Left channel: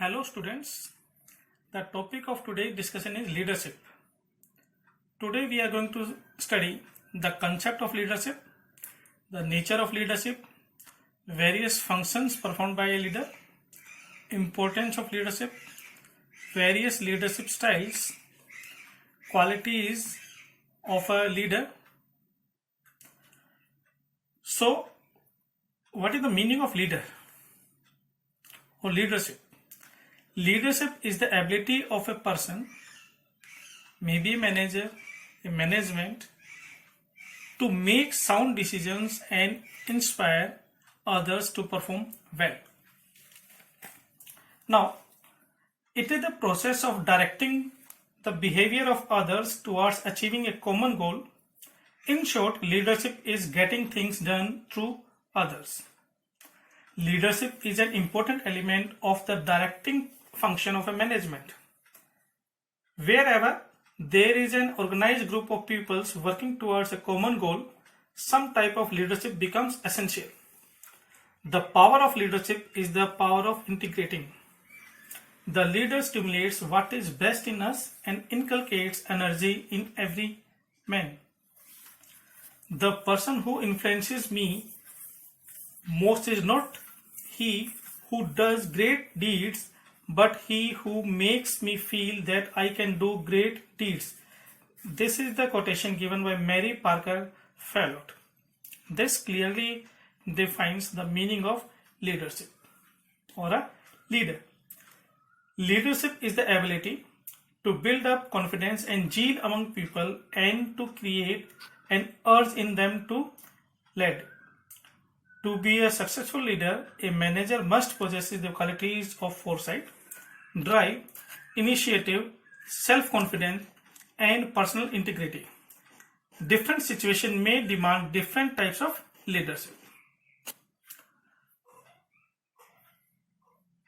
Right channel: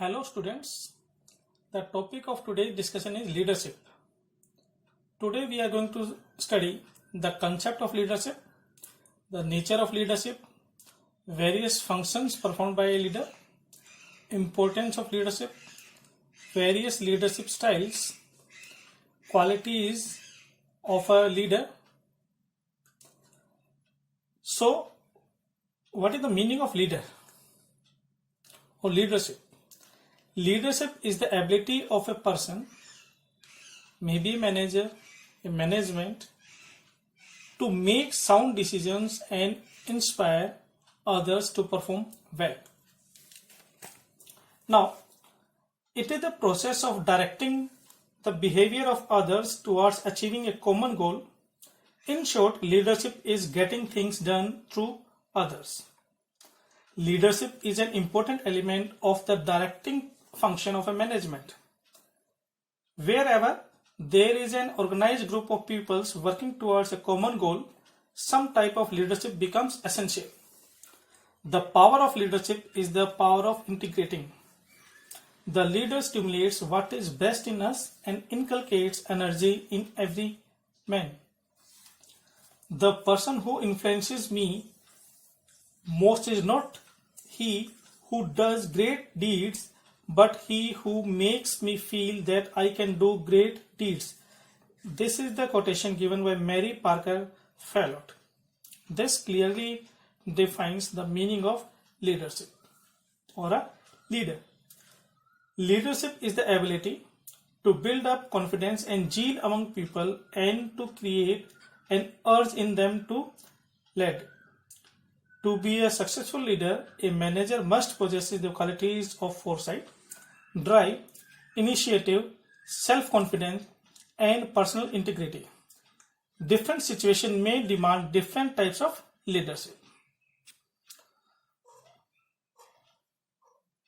Hello students, the topic of today's discussion is leadership. Today we are going to study the concept of leadership, the nature of leadership, various functions performed by a leader, importance of leadership, various leadership styles, qualities of a leader. So, what is the meaning of leader or leadership? Leadership is the ability of a person, maybe a manager, a management, to make sound decisions and inspire others to perform well. Now, it is the process of directing the behavior of others towards achieving a common goal. In short, leadership is getting things done through others. Leadership is an important element of the directing function of a management. Wherever there is an organized group of peoples working towards a common goal, some type of leadership becomes essential. The power of leadership is the power of integrating. The leader stimulates what is best in us and inculcates energy in every man. The person who influences me most is not he who does great deeds, but he who makes me feel that I can do great deeds. This is the quotation given by Mary Parker Follett. This clearly defines the meaning of leadership or a leader. Leadership is the ability to build up confidence and zeal among people and to create an urge in them to lead. To be a successful leader, a manager must possess the qualities of foresight, drive, initiative, self-confidence, and personal integrity. Different situations may demand different types of leadership.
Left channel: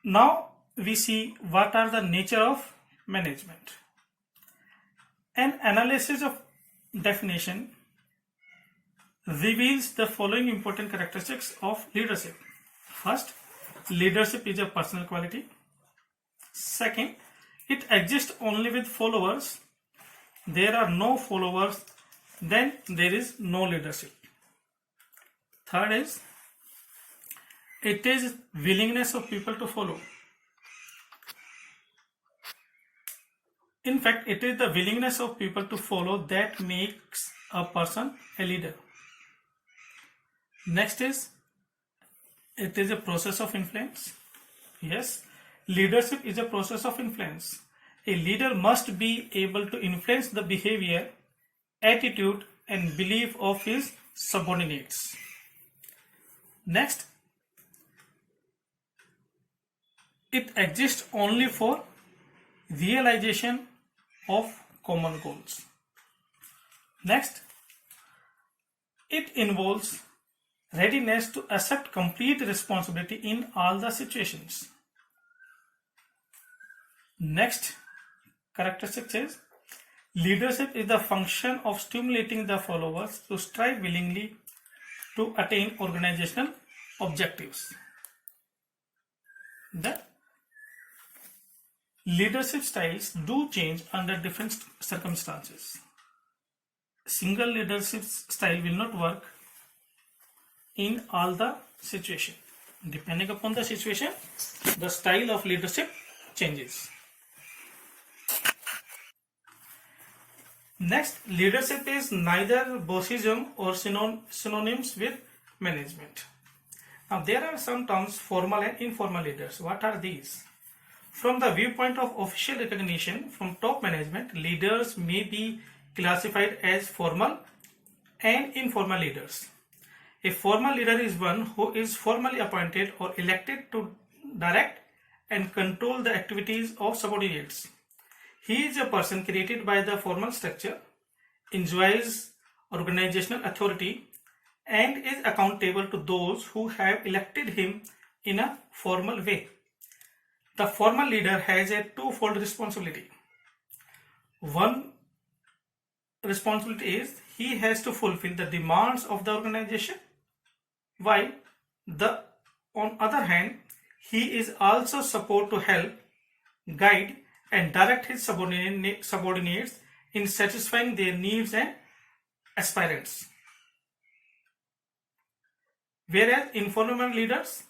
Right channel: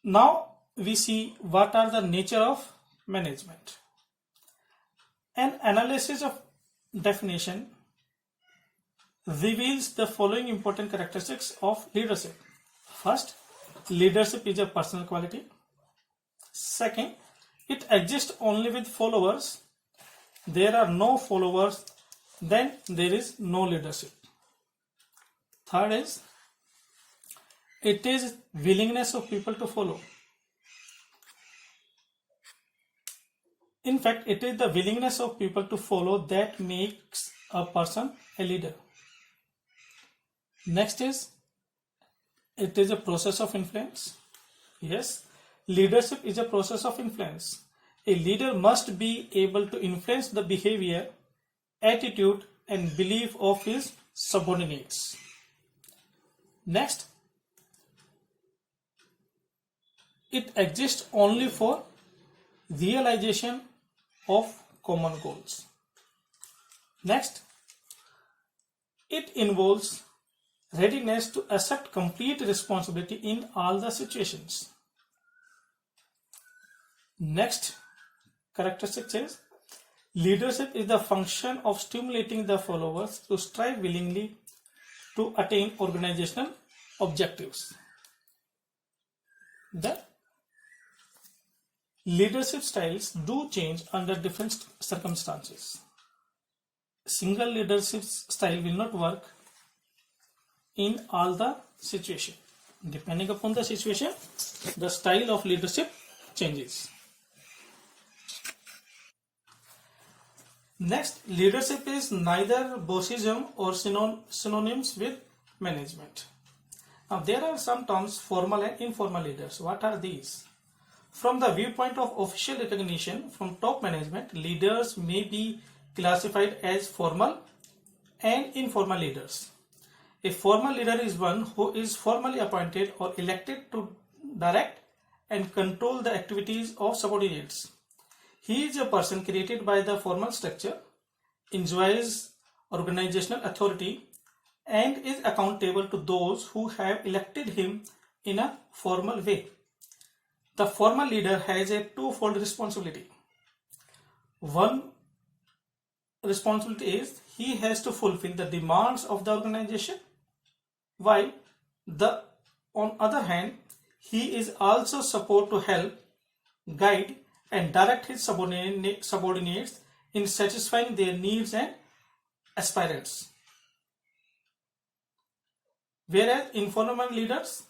Now we see what are the nature of management. An analysis of definition reveals the following important characteristics of leadership. First, leadership is a personal quality. Second, it exists only with followers. There are no followers, then there is no leadership. Third is, it is willingness of people to follow. In fact, it is the willingness of people to follow that makes a person a leader. Next is, it is a process of influence. Yes, leadership is a process of influence. A leader must be able to influence the behavior, attitude, and belief of his subordinates. Next, it exists only for realization of common goals. Next, it involves readiness to accept complete responsibility in all the situations. Next characteristic is, leadership is the function of stimulating the followers to strive willingly to attain organizational objectives. The leadership styles do change under different circumstances. Single leadership style will not work in all the situation. Depending upon the situation, the style of leadership changes. Next, leadership is neither bossism or synonyms with management. Now, there are some terms, formal and informal leaders. What are these? From the viewpoint of official recognition from top management, leaders may be classified as formal and informal leaders. A formal leader is one who is formally appointed or elected to direct and control the activities of subordinates. He is a person created by the formal structure, enjoys organizational authority, and is accountable to those who have elected him in a formal way. The formal leader has a twofold responsibility. One responsibility is he has to fulfill the demands of the organization, while on other hand, He is also supposed to help, guide, and direct his subordinates in satisfying their needs and aspirations. Whereas informal leaders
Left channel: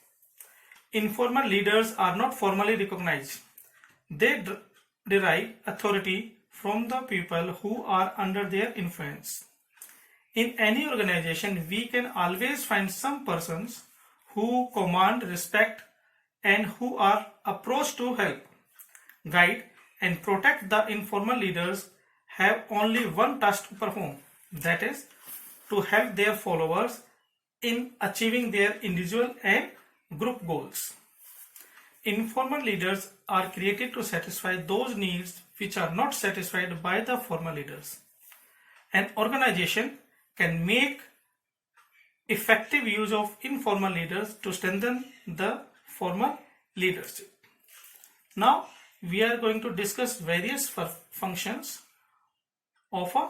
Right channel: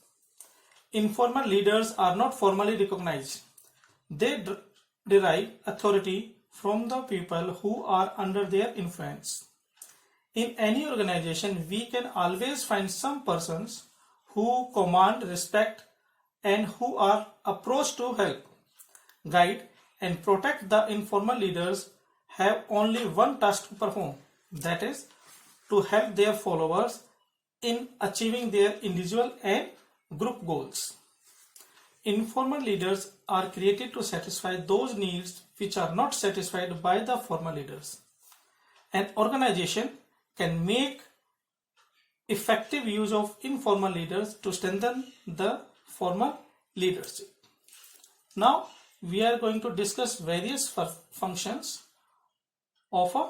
are not formally recognized. They derive authority from the people who are under their influence. In any organization, we can always find some persons who command respect and who are approached to help, guide, and protect. The informal leaders have only one task to perform, that is, to help their followers in achieving their individual and group goals. Informal leaders are created to satisfy those needs which are not satisfied by the formal leaders. An organization can make effective use of informal leaders to strengthen the formal leadership. Now we are going to discuss various functions of a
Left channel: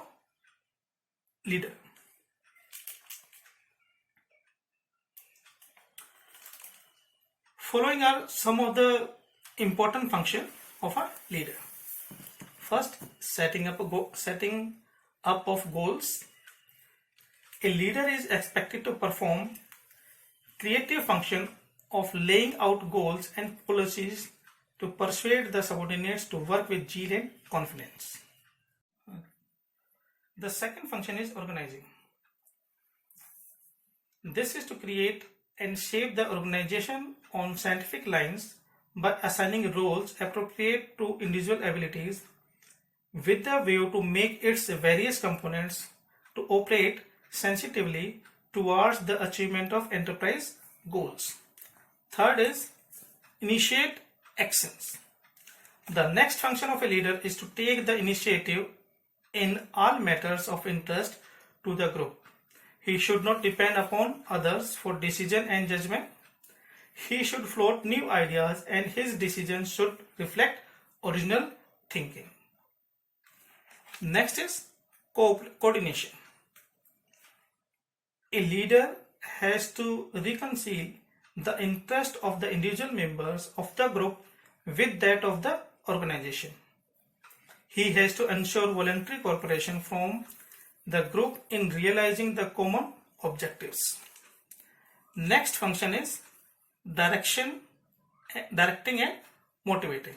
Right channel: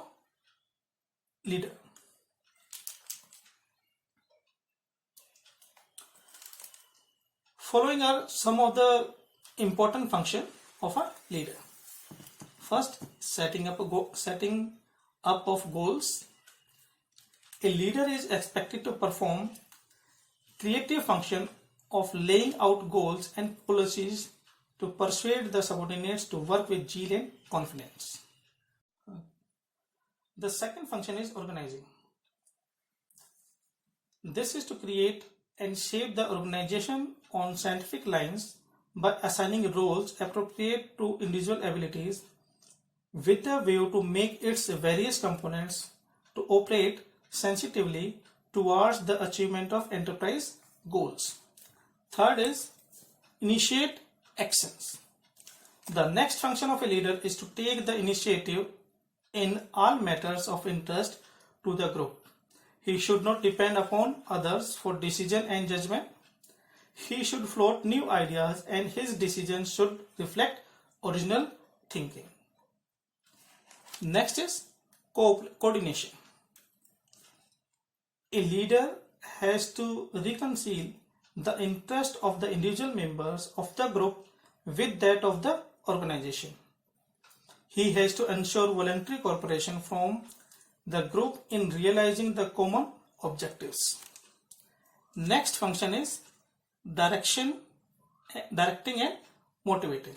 leader. Following are some of the important functions of a leader. First, setting up of goals. A leader is expected to perform creative function of laying out goals and policies to persuade the subordinates to work with zeal and confidence. The second function is organizing. This is to create and shape the organization on scientific lines by assigning roles appropriate to individual abilities with the view to make its various components to operate sensitively towards the achievement of enterprise goals. Third is initiate actions. The next function of a leader is to take the initiative in all matters of interest to the group. He should not depend upon others for decision and judgment. He should float new ideas and his decisions should reflect original thinking. Next is coordination. A leader has to reconcile the interest of the individual members of the group with that of the organization. He has to ensure voluntary cooperation from the group in realizing the common objectives. Next function is directing and motivating.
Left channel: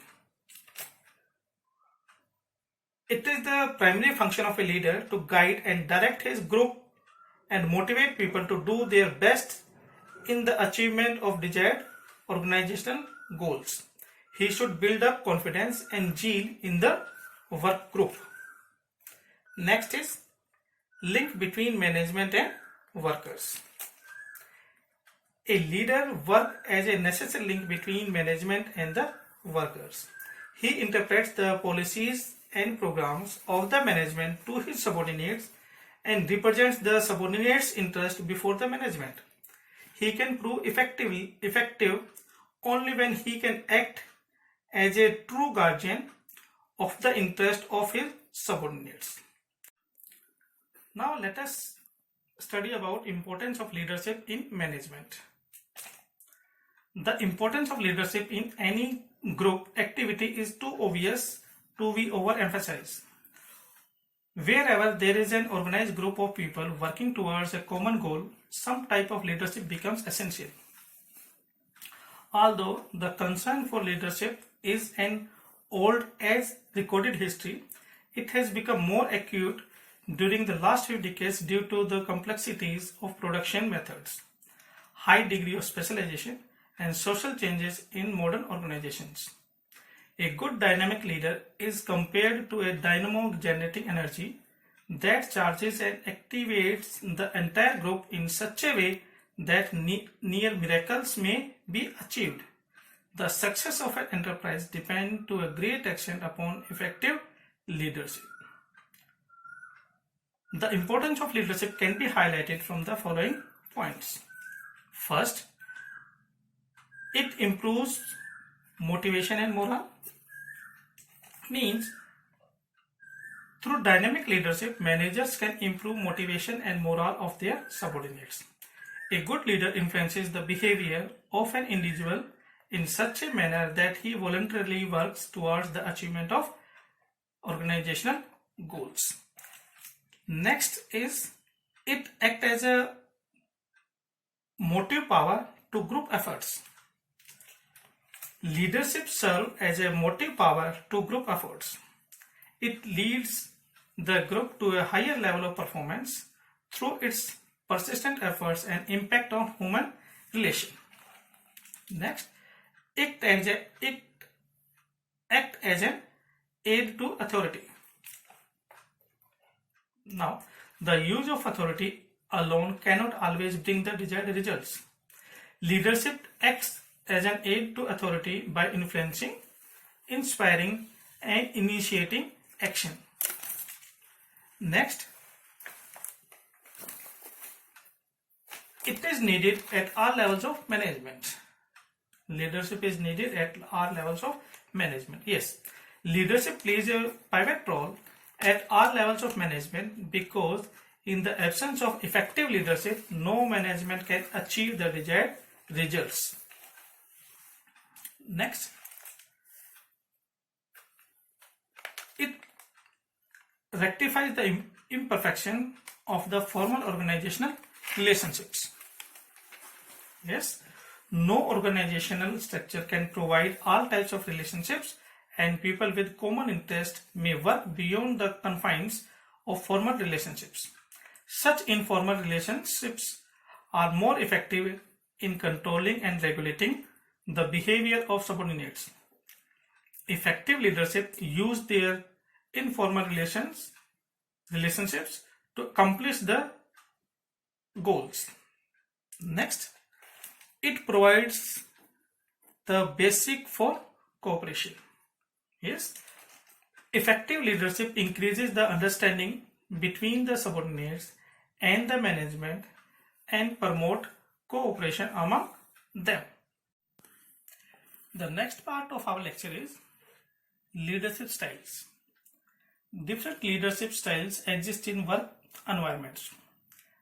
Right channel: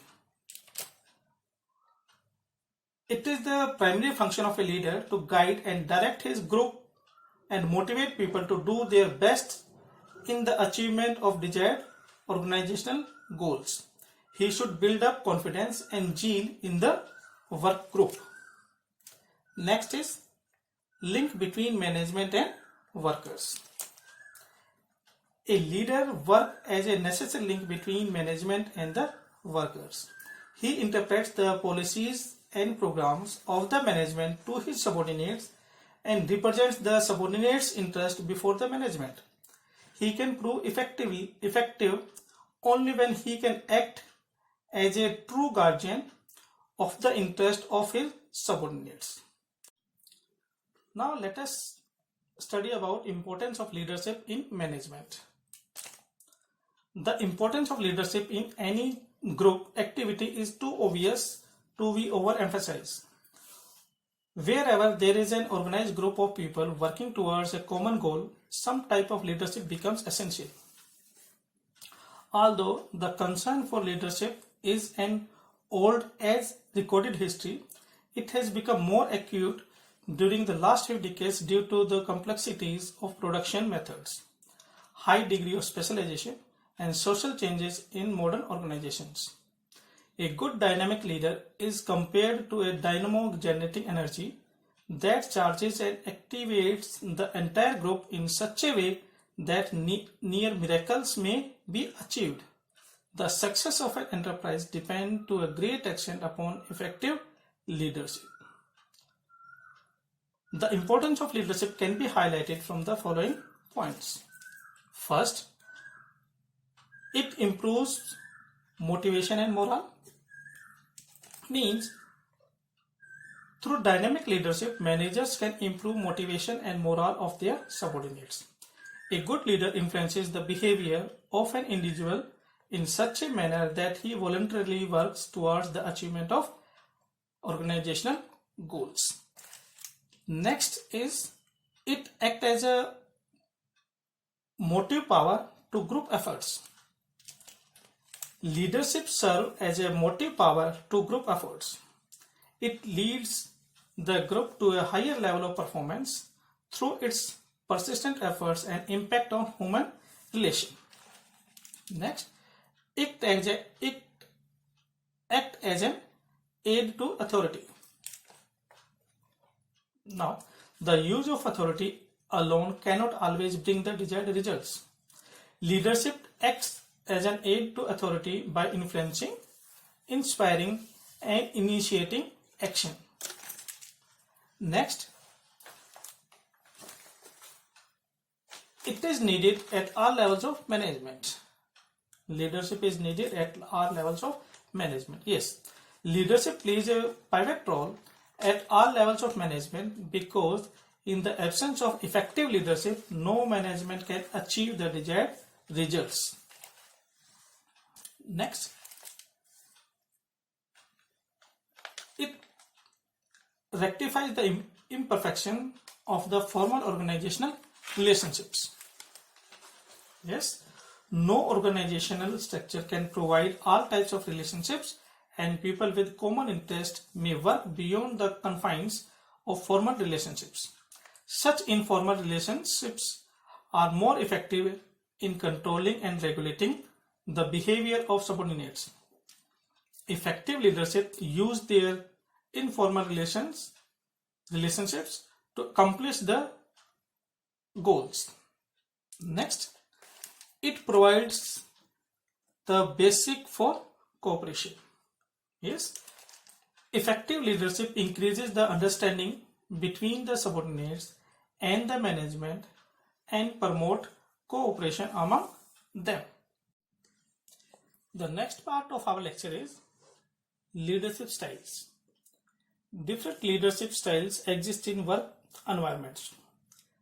It is the primary function of a leader to guide and direct his group and motivate people to do their best in the achievement of desired organizational goals. He should build up confidence and zeal in the work group. Next is link between management and workers. A leader works as a necessary link between management and the workers. He interprets the policies and programs of the management to his subordinates and represents the subordinates' interest before the management. He can prove effective only when he can act as a true guardian of the interest of his subordinates. Now let us study about importance of leadership in management. The importance of leadership in any group activity is too obvious to be overemphasized. Wherever there is an organized group of people working towards a common goal, some type of leadership becomes essential. Although the concern for leadership is an old as recorded history, it has become more acute during the last few decades due to the complexities of production methods, high degree of specialization, and social changes in modern organizations. A good dynamic leader is compared to a dynamo generating energy that charges and activates the entire group in such a way that near miracles may be achieved. The success of an enterprise depends to a great extent upon effective leadership. The importance of leadership can be highlighted from the following points. First, it improves motivation and morale. Means, through dynamic leadership, managers can improve motivation and morale of their subordinates. A good leader influences the behavior of an individual in such a manner that he voluntarily works towards the achievement of organizational goals. Next is it acts as a motive power to group efforts. Leadership serves as a motive power to group efforts. It leads the group to a higher level of performance through its persistent efforts and impact on human relation. Next, it acts as an aid to authority. Now, the use of authority alone cannot always bring the desired results. Leadership acts as an aid to authority by influencing, inspiring, and initiating action. Next, it is needed at all levels of management. Leadership is needed at all levels of management. Yes, leadership plays a pivot role at all levels of management because in the absence of effective leadership, no management can achieve the desired results. Next, it rectifies the imperfection of the formal organizational relationships. Yes, no organizational structure can provide all types of relationships, and people with common interest may work beyond the confines of formal relationships. Such informal relationships are more effective in controlling and regulating the behavior of subordinates. Effective leadership use their informal relationships to accomplish the goals. Next, it provides the basic for cooperation. Yes, effective leadership increases the understanding between the subordinates and the management and promote cooperation among them. The next part of our lecture is leadership styles. Different leadership styles exist in work environments.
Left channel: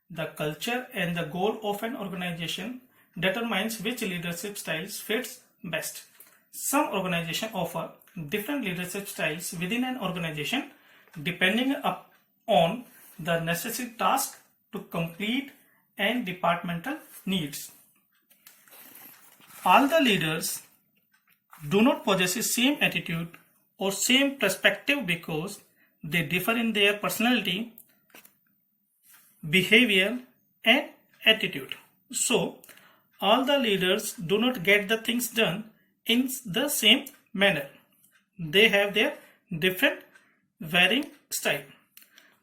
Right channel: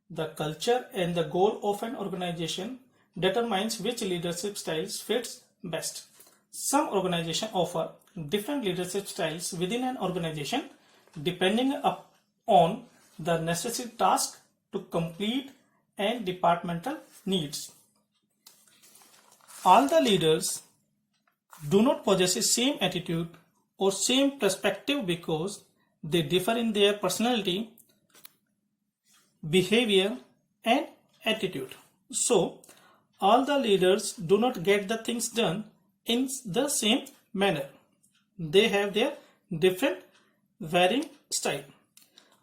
The culture and the goal of an organization determines which leadership styles fits best. Some organizations offer different leadership styles within an organization depending on the necessary task to complete and departmental needs. All the leaders do not possess the same attitude or same perspective because they differ in their personality, behavior, and attitude. So, all the leaders do not get the things done in the same manner. They have their different varying style.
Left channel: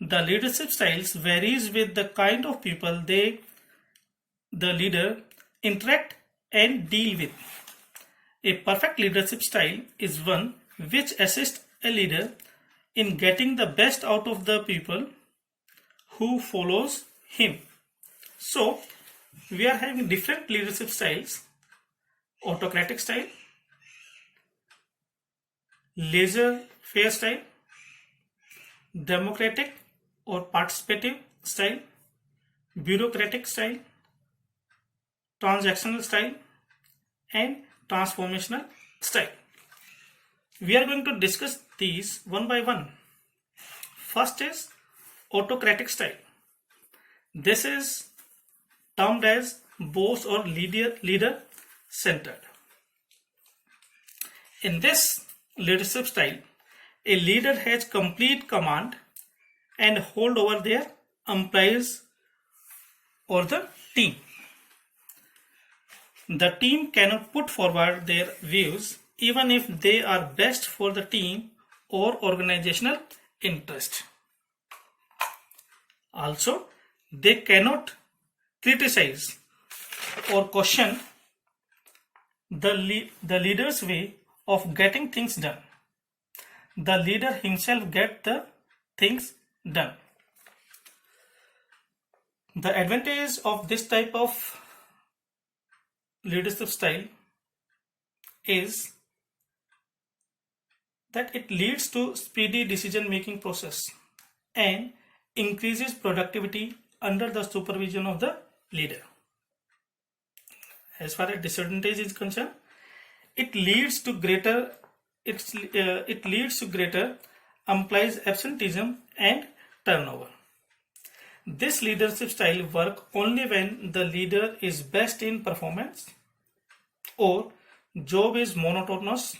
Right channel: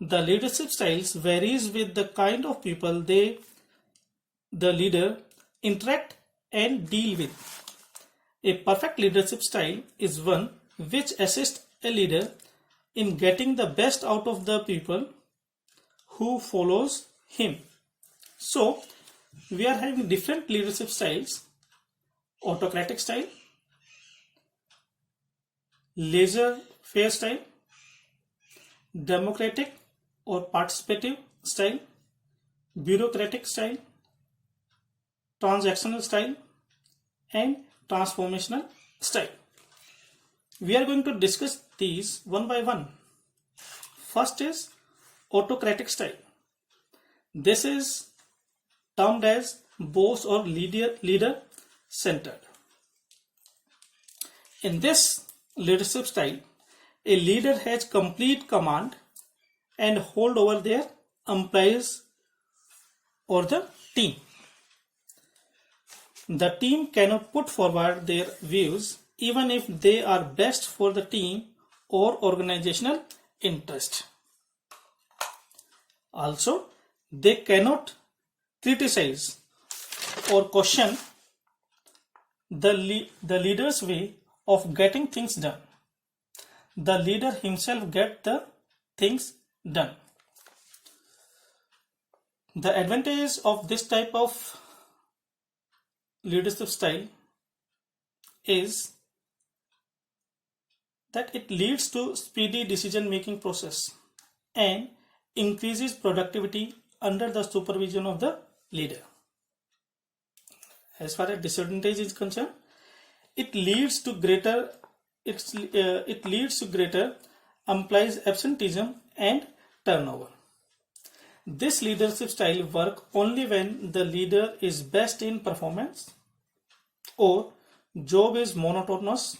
The leadership styles varies with the kind of people the leader interact and deal with. A perfect leadership style is one which assists a leader in getting the best out of the people who follows him. So, we are having different leadership styles: autocratic style, laissez-faire style, democratic or participative style, bureaucratic style, transactional style, and transformational style. We are going to discuss these one by one. First is autocratic style. This is termed as boss or leader centered. In this leadership style, a leader has complete command and hold over their employees or the team. The team cannot put forward their views even if they are best for the team or organizational interest. Also, they cannot criticize or question the leader's way of getting things done. The leader himself gets the things done. The advantage of this type of leadership style is that it leads to speedy decision making process and increases productivity under the supervision of the leader. As far as disadvantage is concerned, it leads to greater employees absenteeism and turnover. This leadership style work only when the leader is best in performance, or job is monotonous,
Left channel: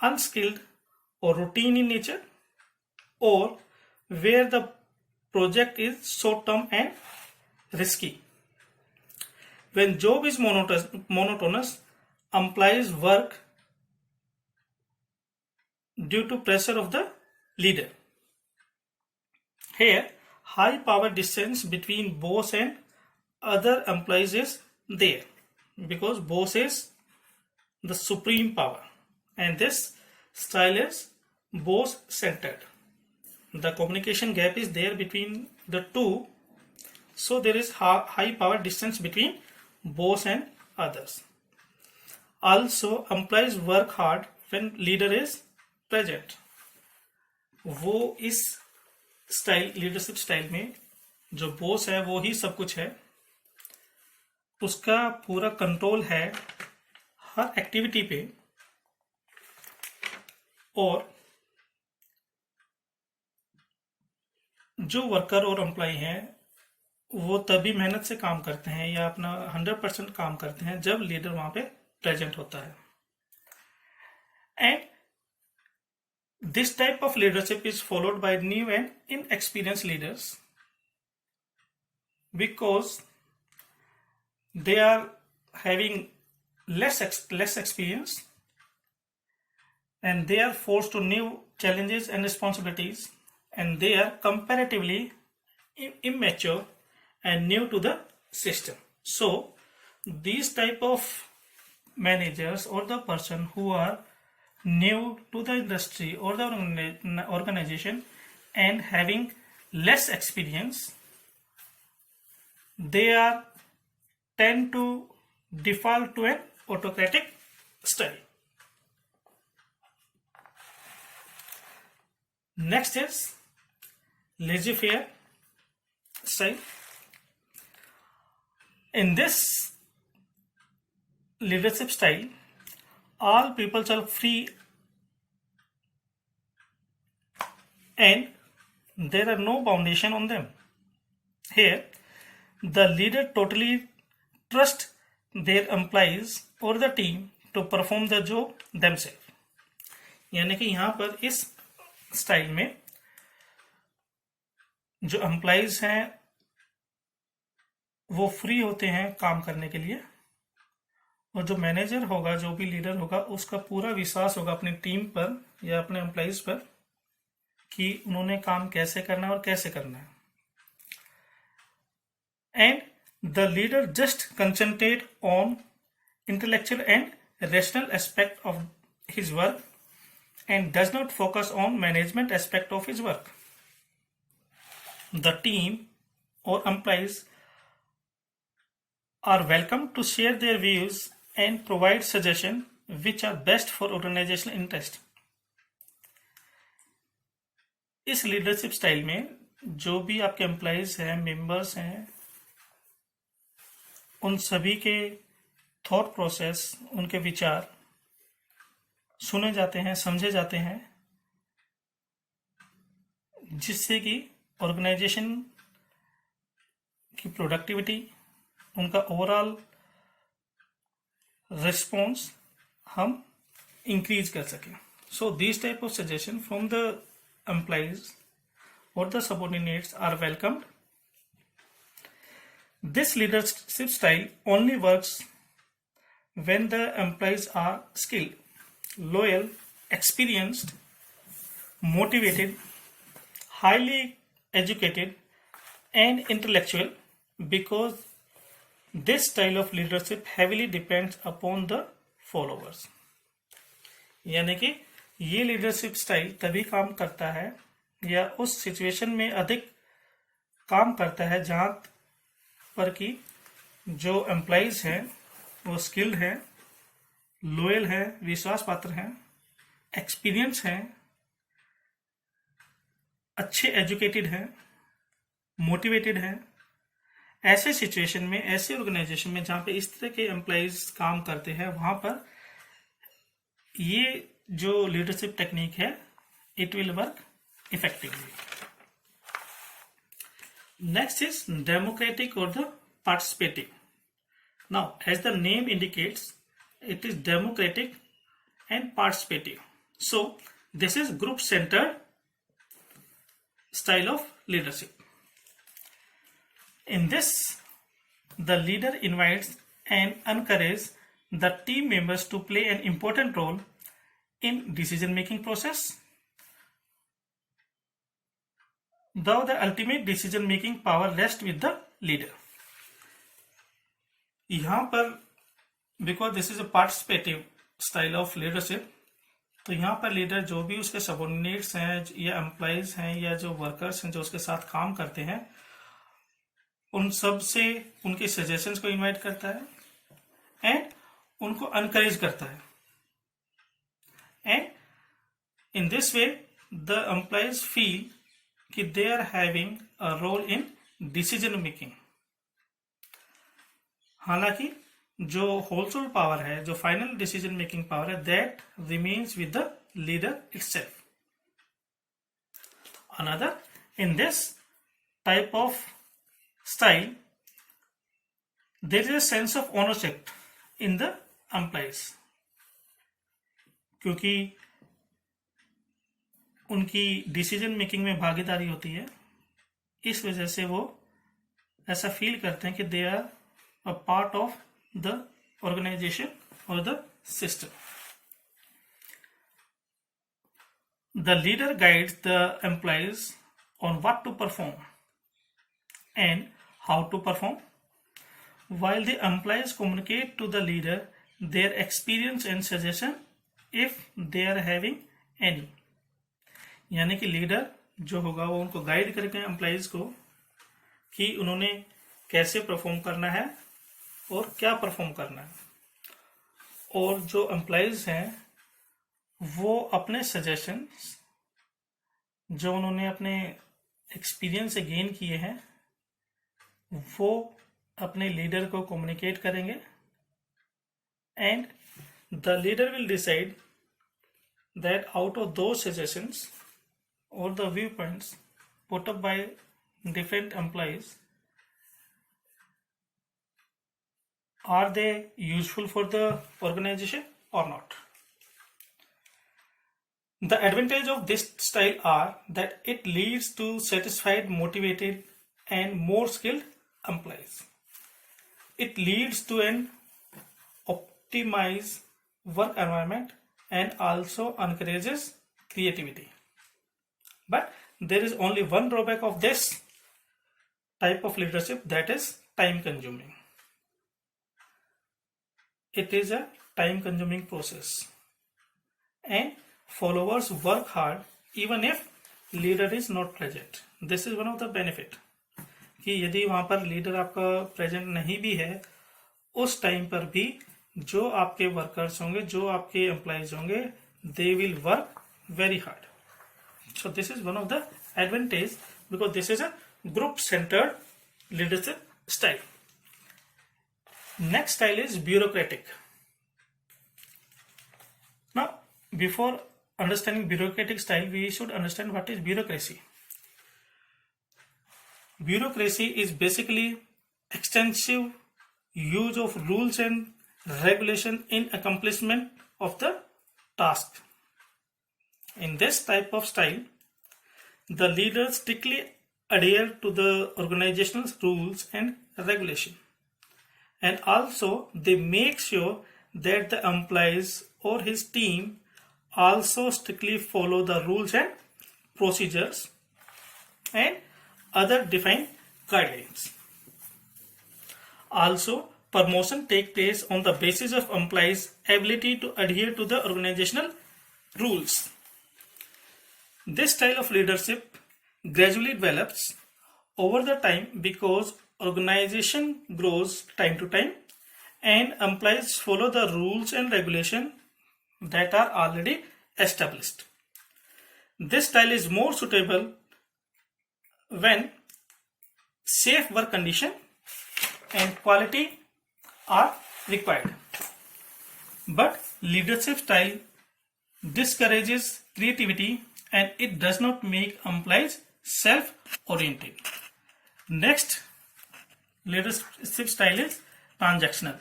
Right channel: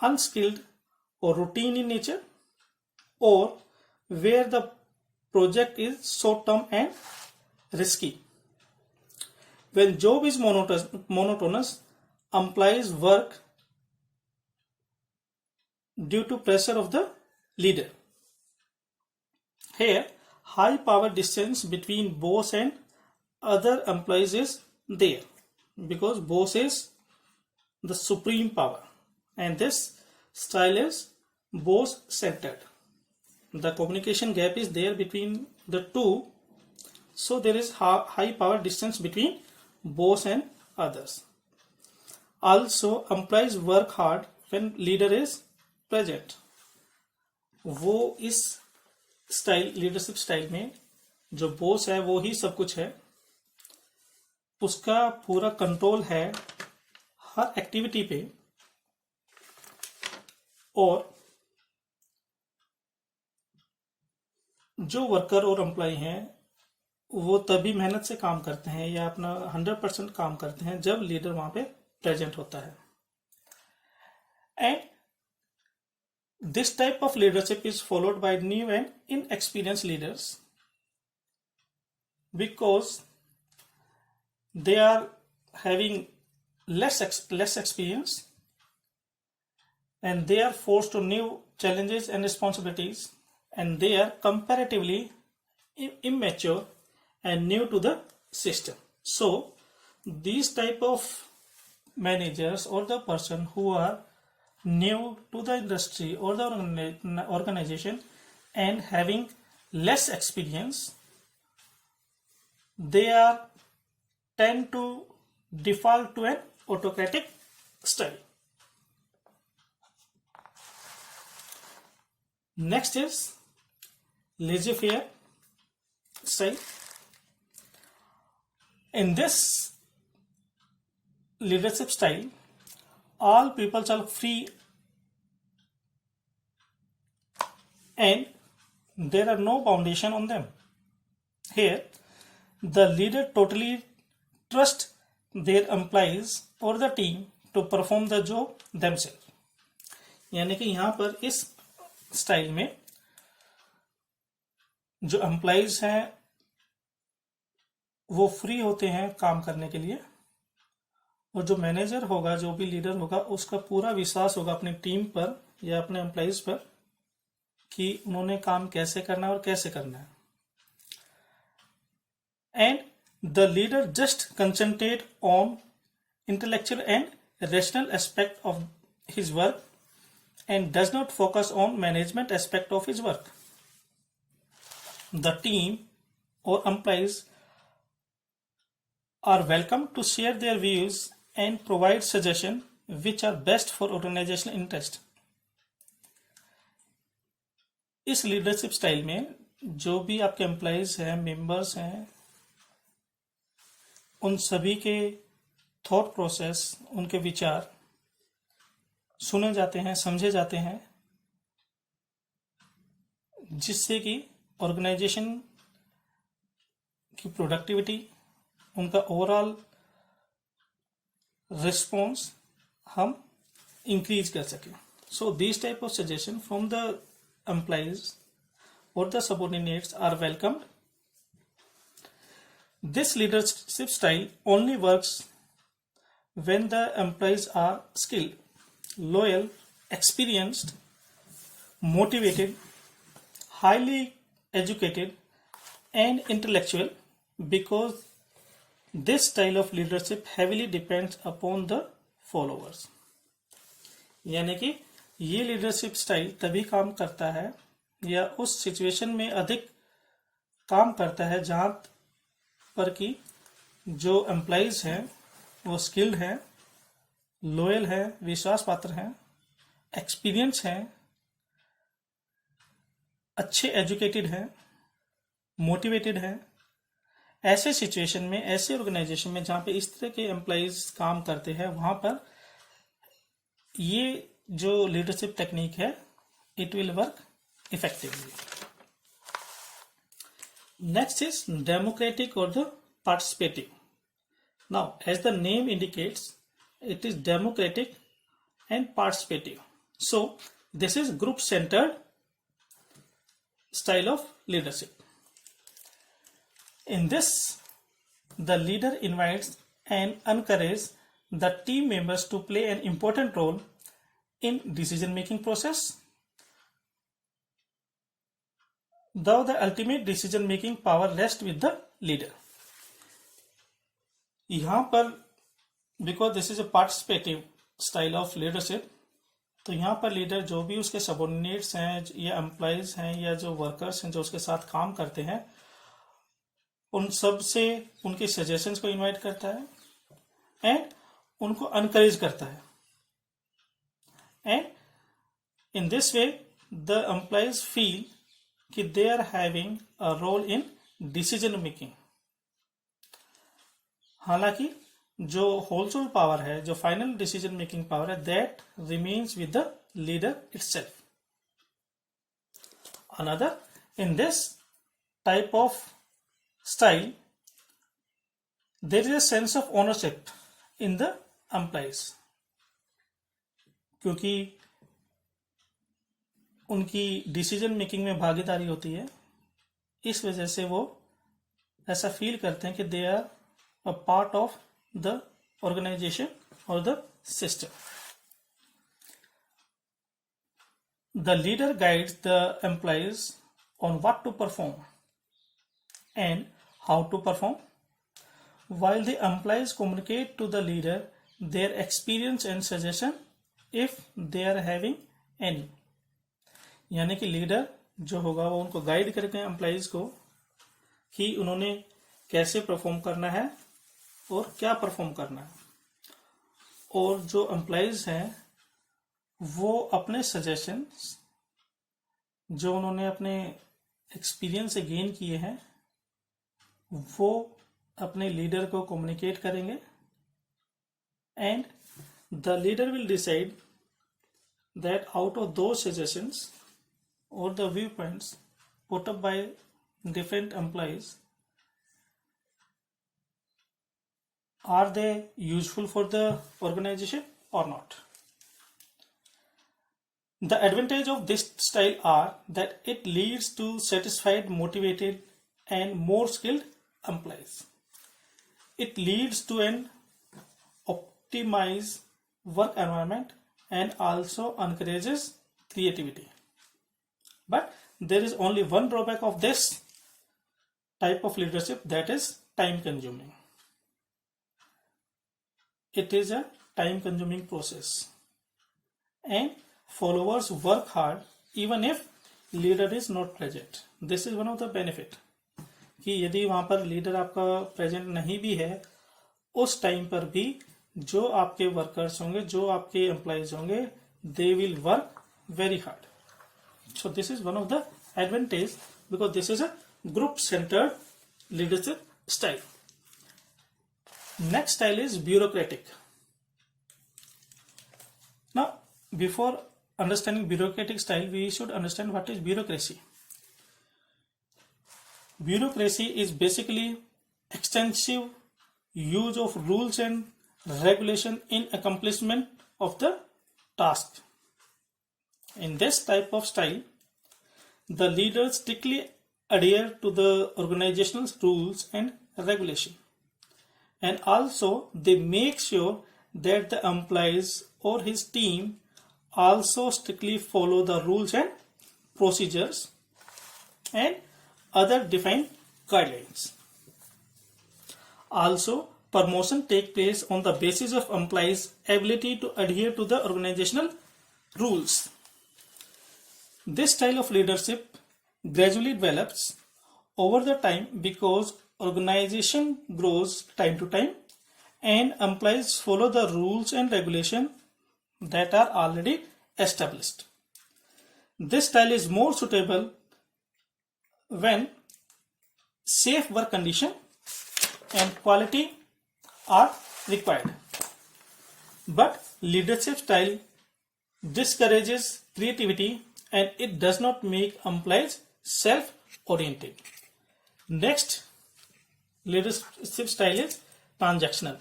unskilled, or routine in nature, or where the project is short term and risky. When job is monotonous, employees work due to pressure of the leader. Here, high power distance between boss and other employees is there, because boss is the supreme power, and this style is boss centered. The communication gap is there between the two, so there is high power distance between boss and others. Also, employees work hard when leader is present. वो इस style, leadership style में जो boss है वो ही सब कुछ है, उसका पूरा कंट्रोल है हर एक्टिविटी पे, और जो वर्कर और एम्प्लॉय हैं वो तभी मेहनत से काम करते हैं या अपना 100% काम करते हैं जब लीडर वहां पे प्रेजेंट होता है. And this type of leadership is followed by new and inexperienced leaders, because they are having less experience, and they are forced to new challenges and responsibilities, and they are comparatively immature and new to the system. So these type of managers or the person who are new to the industry or the organization and having less experience, they are tend to default to an autocratic style. Next is laissez-faire style. In this leadership style, all people are free and there are no foundation on them. Here, the leader totally trusts their employees or the team to perform the job themselves. यानी कि यहाँ पर इस style में जो employees हैं वो free होते हैं काम करने के लिए, और जो मैनेजर होगा, जो भी लीडर होगा, उसका पूरा विश्वास होगा अपनी टीम पर या अपने एम्प्लॉइज पर कि उन्होंने काम कैसे करना है और कैसे करना है. And the leader just concentrate on intellectual and rational aspect of his work and does not focus on management aspect of his work. The team or employees are welcome to share their views and provide suggestions which are best for organizational interest. इस leadership style में जो भी आपके employees हैं, members हैं, उन सभी के थॉट प्रोसेस, उनके विचार सुने जाते हैं, समझे जाते हैं, जिससे कि ऑर्गेनाइजेशन की प्रोडक्टिविटी, उनका ओवरऑल रिस्पॉन्स हम इंक्रीज कर सकें. So this type of suggestion from the employees और the subordinates are welcomed. This leadership style only works when the employees are skilled, loyal, experienced, motivated, highly educated, and intellectual, because this style of leadership heavily depends upon the followers. यानी कि ये leadership style तभी काम करता है या उस situation में अधिक काम करता है जहां पर कि जो एम्प्लॉइज हैं वो स्किल्ड हैं, लॉयल हैं, विश्वास पात्र हैं, एक्सपीरियंस हैं, अच्छे एजुकेटेड हैं, मोटिवेटेड हैं, ऐसे सिचुएशन में, ऐसे ऑर्गेनाइजेशन में जहां पे इस तरह के एम्प्लॉइज काम करते हैं, वहां पर ये जो लीडरशिप टेक्निक है, it will work effectively. Next is democratic और the participative. Now as the name indicates, it is democratic and participative. So this is group centered style of leadership. In this, the leader invites and encourages the team members to play an important role in decision making process, though the ultimate decision making power rests with the leader. यहाँ पर because this is a participative style of leadership, तो यहाँ पर leader जो भी उसके subordinates हैं या एम्प्लॉइज हैं या जो वर्कर्स हैं जो उसके साथ काम करते हैं, उन सब से उनके सजेशंस को इनवाइट करता है एंड उनको एनकरेज करता है. And in this way the employees feel कि they are having a role in decision making. हालांकि जो होलसोल पावर है, जो फाइनल डिसीजन मेकिंग पावर है, that remains with the leader itself. Another, in this type of style there is a sense of ownership in the employees, क्योंकि उनकी decision making में भागीदारी होती है. इस वजह से वो ऐसा फील करते हैं कि they are a part of the organization or the system. The leader guides the employees on what to perform and how to perform, while the employees communicate to the leader their experience and suggestion if they are having any. यानी कि leader जो होगा वो उनको guide करेगा employees को कि उन्होंने कैसे परफॉर्म करना है और क्या परफॉर्म करना है, और जो एम्प्लॉइज हैं वो अपने सजेशंस जो उन्होंने अपने एक्सपीरियंस से गेन किए हैं वो अपने लीडर को कम्युनिकेट करेंगे and the leader will decide that out of दो सजेशंस और the view points put up by different employees, are they useful for the organization or not. The advantage of this style are that it leads to satisfied, motivated and more skilled employees. It leads to an optimized work environment and also encourages creativity. But there is only one drawback of this type of leadership, that is time consuming. It is a time consuming process and followers work hard even if leader is not present. This is one of the benefit कि यदि वहां पर leader आपका present नहीं भी है, उस time पर भी जो आपके वर्कर्स होंगे, जो आपके एम्प्लॉइज होंगे, they will work very hard. So this is one of the advantage because this is a group centered leadership style. Next style is bureaucratic. Now, before understanding bureaucratic style, we should understand what is bureaucracy. Bureaucracy is basically extensive use of rules and regulation in accomplishment of the task. In this type of style, the leaders strictly adhere to the organizational rules and regulation. And also they make sure that the employees or his team also strictly follow the rules and procedures and other defined guidelines. Also, promotion take place on the basis of employees' ability to adhere to the organizational rules. This style of leadership gradually develops over the time because organization grows time to time and employees follow the rules and regulation that are already established. This style is more suitable when safe work condition and quality are required. But leadership style discourages creativity and it does not make employees self-oriented. Next leadership style is transactional.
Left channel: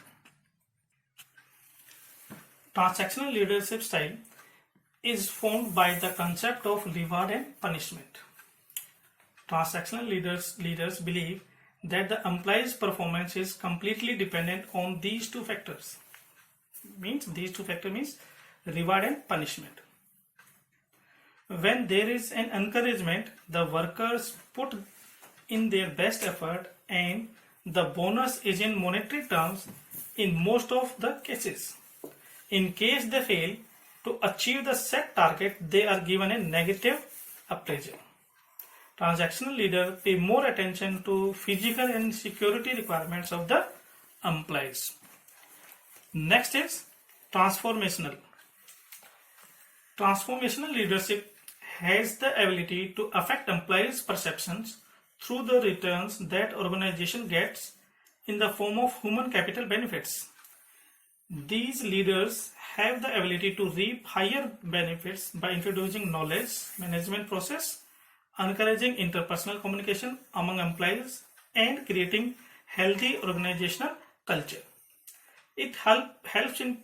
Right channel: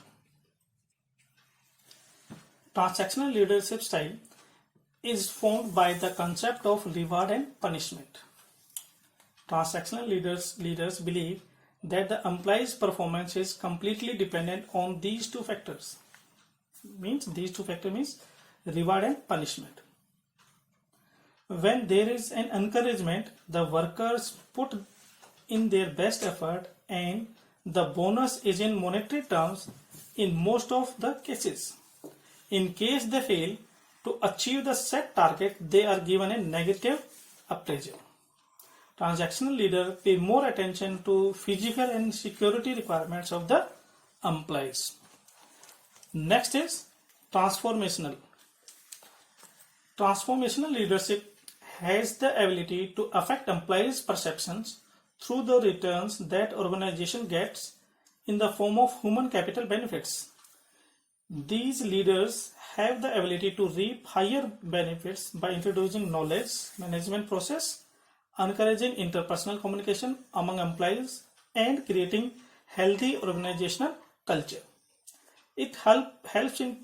Transactional leadership style is formed by the concept of reward and punishment. Transactional leaders believe that the employee's performance is completely dependent on these two factors. These two factors means reward and punishment. When there is an encouragement, the workers put in their best effort and the bonus is in monetary terms in most of the cases. In case they fail to achieve the set target, they are given a negative appraisal. Transactional leaders pay more attention to physical and security requirements of the employees. Next is transformational. Transformational leadership has the ability to affect employees' perceptions through the returns that organization gets in the form of human capital benefits. These leaders have the ability to reap higher benefits by introducing knowledge management process, encouraging interpersonal communication among employees, and creating healthy organizational culture. It helps in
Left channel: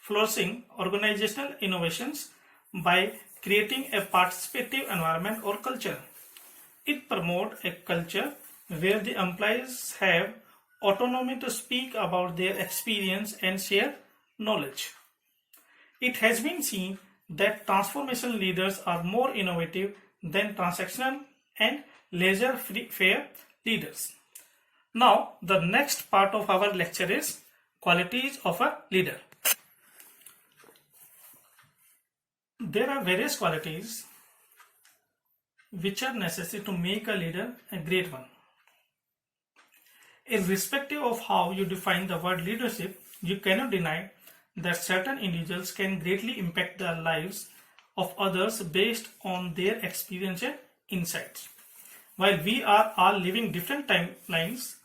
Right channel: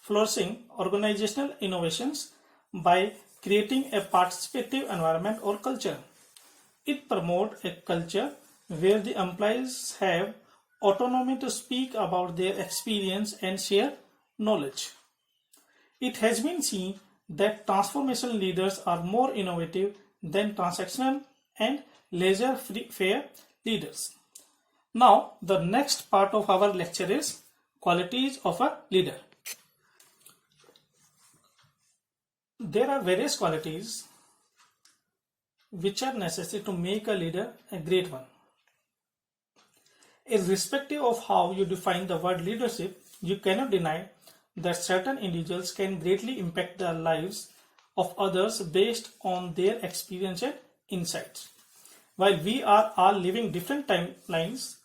flourishing organizational innovations by creating a participative environment or culture. It promotes a culture where the employees have autonomy to speak about their experience and share knowledge. It has been seen that transformational leaders are more innovative than transactional and laissez-faire leaders. Now, the next part of our lecture is qualities of a leader. There are various qualities which are necessary to make a leader a great one. Irrespective of how you define the word leadership, you cannot deny that certain individuals can greatly impact the lives of others based on their experience and insights. While we are all living different timelines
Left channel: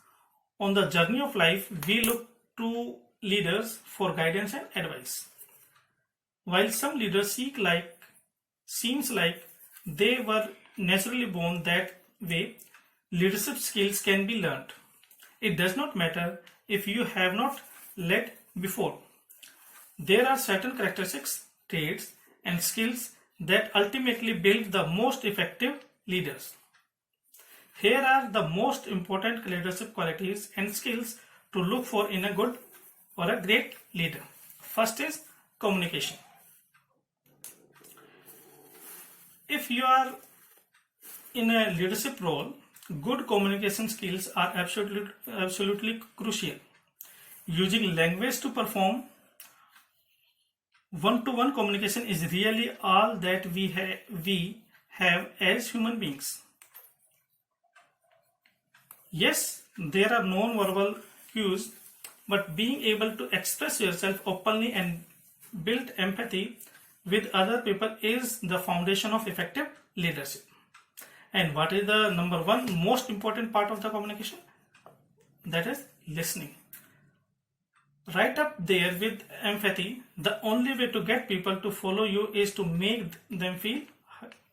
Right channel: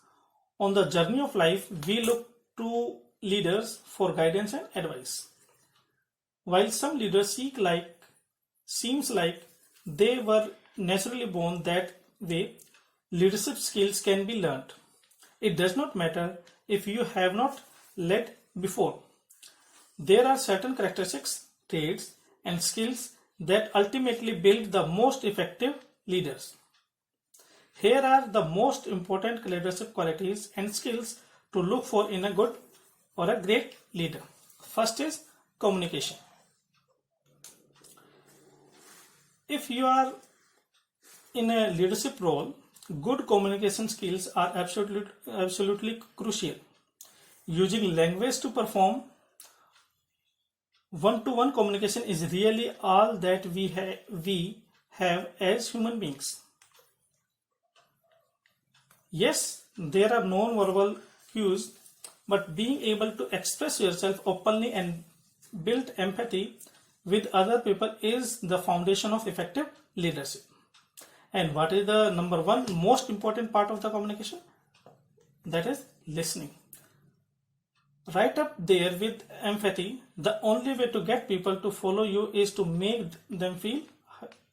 on the journey of life, we look to leaders for guidance and advice. While some leaders seems like they were naturally born that way, leadership skills can be learned. It does not matter if you have not led before. There are certain characteristics, traits, and skills that ultimately build the most effective leaders. Here are the most important leadership qualities and skills to look for in a good or a great leader. First is communication. If you are in a leadership role, good communication skills are absolutely crucial. Using language to perform one-to-one communication is really all that we have as human beings. Yes, there are non-verbal cues, but being able to express yourself openly and build empathy with other people is the foundation of effective leadership. And what is the number one most important part of the communication? That is listening. Right up there with empathy, the only way to get people to follow you is to make them feel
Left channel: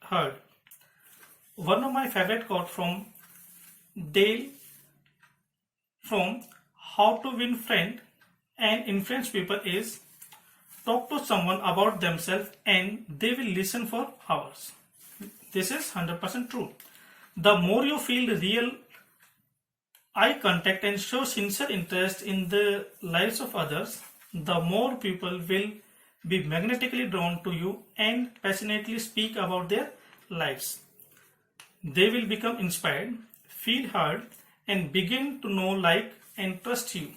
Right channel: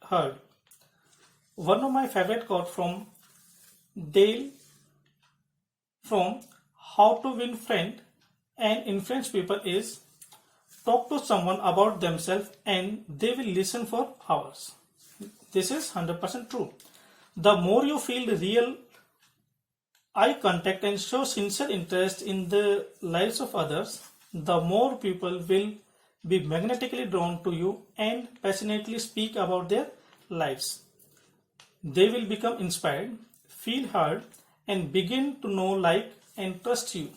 heard. One of my favorite quotes from Dale from How to Win Friends and Influence People is, talk to someone about themselves and they will listen for hours. This is 100% true. The more you feel real eye contact and show sincere interest in the lives of others, the more people will be magnetically drawn to you and passionately speak about their lives. They will become inspired, feel heard, and begin to know, like, and trust you.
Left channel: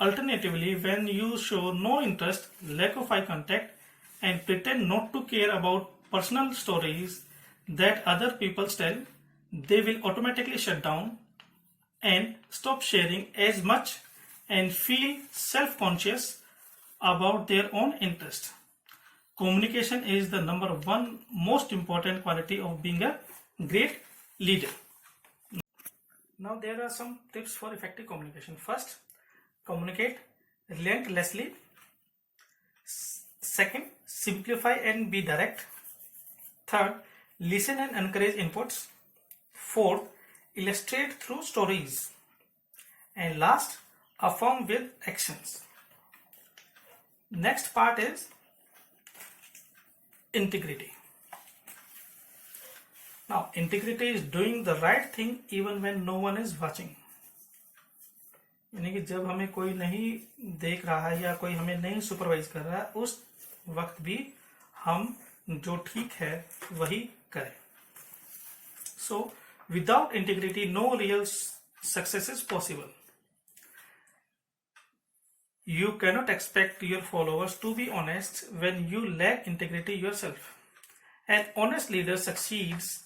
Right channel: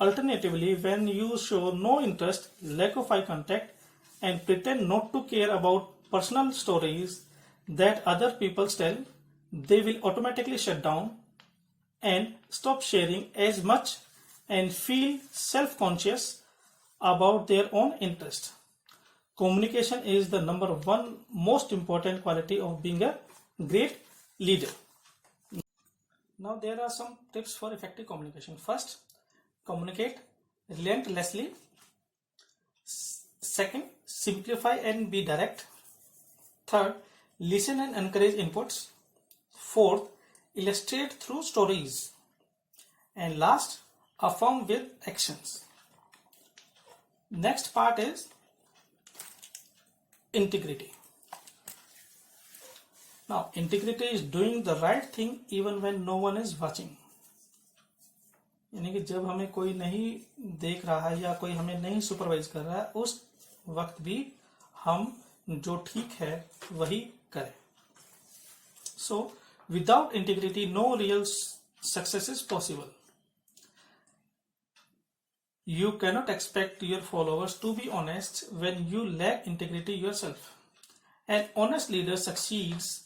Alternatively, when you show no interest, lack of eye contact, and pretend not to care about personal stories that other people tell, they will automatically shut down and stop sharing as much and feel self-conscious about their own interest. Communication is the number one most important quality of being a great leader. Now there are some tips for effective communication. First, communicate relentlessly. Second, simplify and be direct. Third, listen and encourage inputs. Fourth, illustrate through stories. And last, affirm with actions. Next part is integrity. Now, integrity is doing the right thing even when no one is watching. यानी कि जब हमें कोई नहीं देख रहा है या कोई हमें नहीं सुपरवाइज कर रहा है, उस वक्त भी हम जो ठीक है वही करें. So, without integrity, no real success is possible. You cannot expect your followers to be honest when you lack integrity yourself. An honest leader succeeds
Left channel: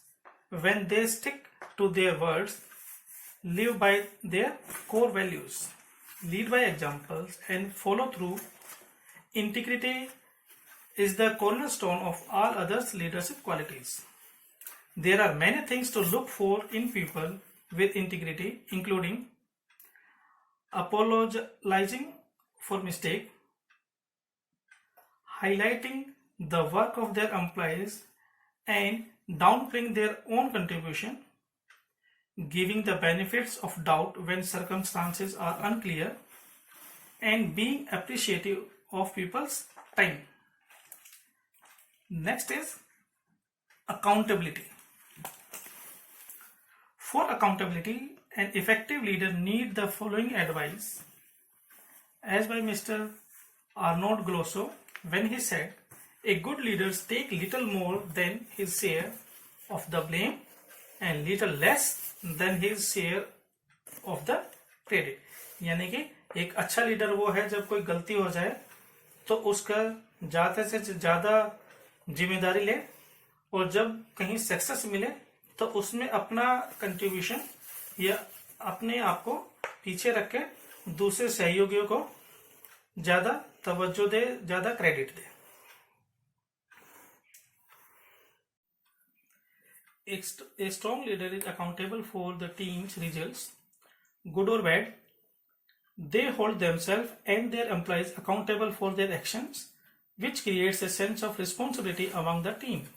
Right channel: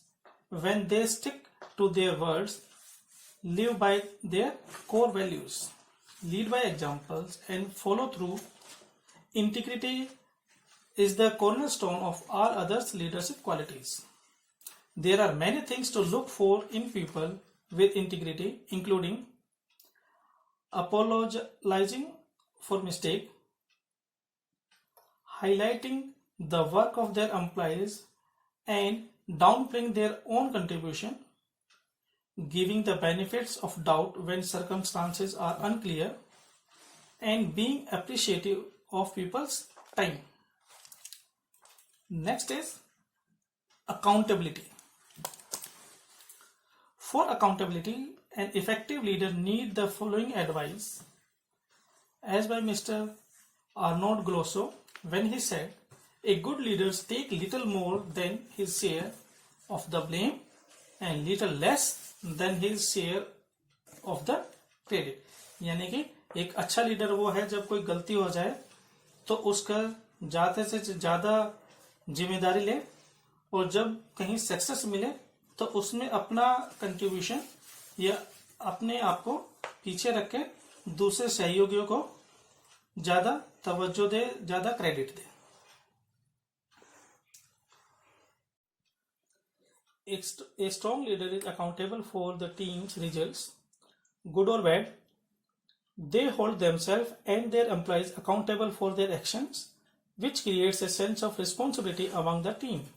when they stick to their words, live by their core values, lead by examples, and follow through. Integrity is the cornerstone of all other leadership qualities. There are many things to look for in people with integrity, including apologizing for mistake, highlighting the work of their employees and downplaying their own contribution, giving the benefits of doubt when circumstances are unclear, and being appreciative of people's time. Next is accountability. For accountability, an effective leader needs the following advice, as by Mr. Arnold Glosso, when he said, "A good leader takes little more than his share of the blame and little less than his share of the credit." यानी कि एक अच्छा leader वो है जब कोई गलती हो जाए तो उसका ज्यादा से ज्यादा जिम्मेदारी ले, और जब कहीं सक्सेस मिले तो उसमें अपना कंट्रीब्यूशन या अपने आप को पीछे रख के दूसरे सहयोगियों को ज्यादा तवज्जो दे, ज्यादा credit they. A strong leader is accountable for the team's results, good or bad. They hold themselves and their employees accountable for their actions, which creates a sense of responsibility among the team.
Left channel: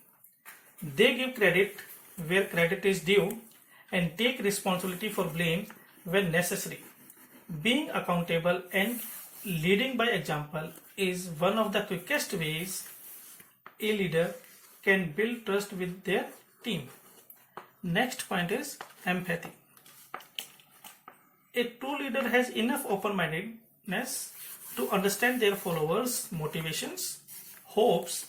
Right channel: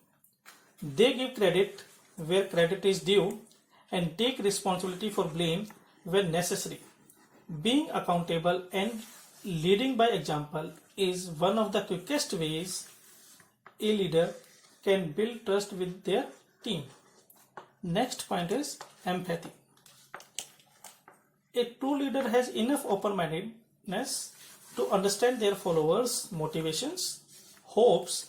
They give credit where credit is due and take responsibility for blame when necessary. Being accountable and leading by example is one of the quickest ways a leader can build trust with their team. Next point is empathy. A true leader has enough open-mindedness to understand their followers' motivations, hopes,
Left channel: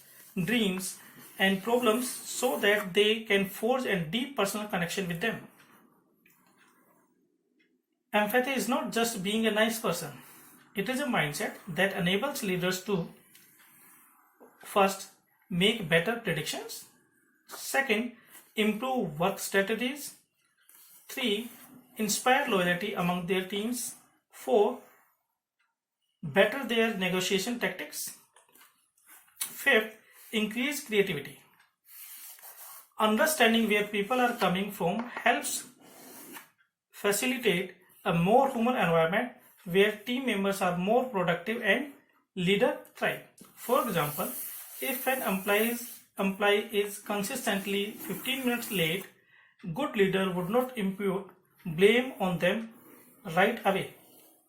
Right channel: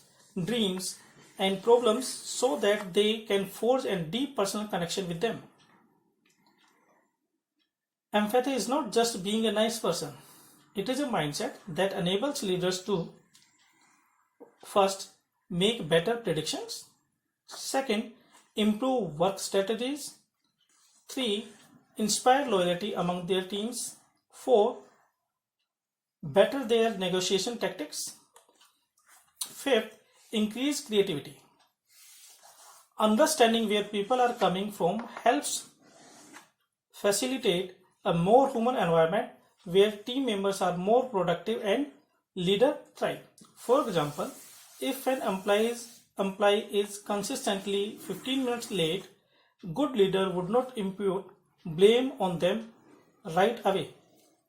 dreams, and problems so that they can forge a deep personal connection with them. Empathy is not just being a nice person. It is a mindset that enables leaders to, first, make better predictions, second, improve work strategies, 3, inspire loyalty among their teams, 4, better their negotiation tactics, 5th, increase creativity. Understanding where people are coming from helps facilitate a more human environment where team members are more productive and leader thrive. For example, if an employee is consistently 15 minutes late, good leader would not impute blame on them right away.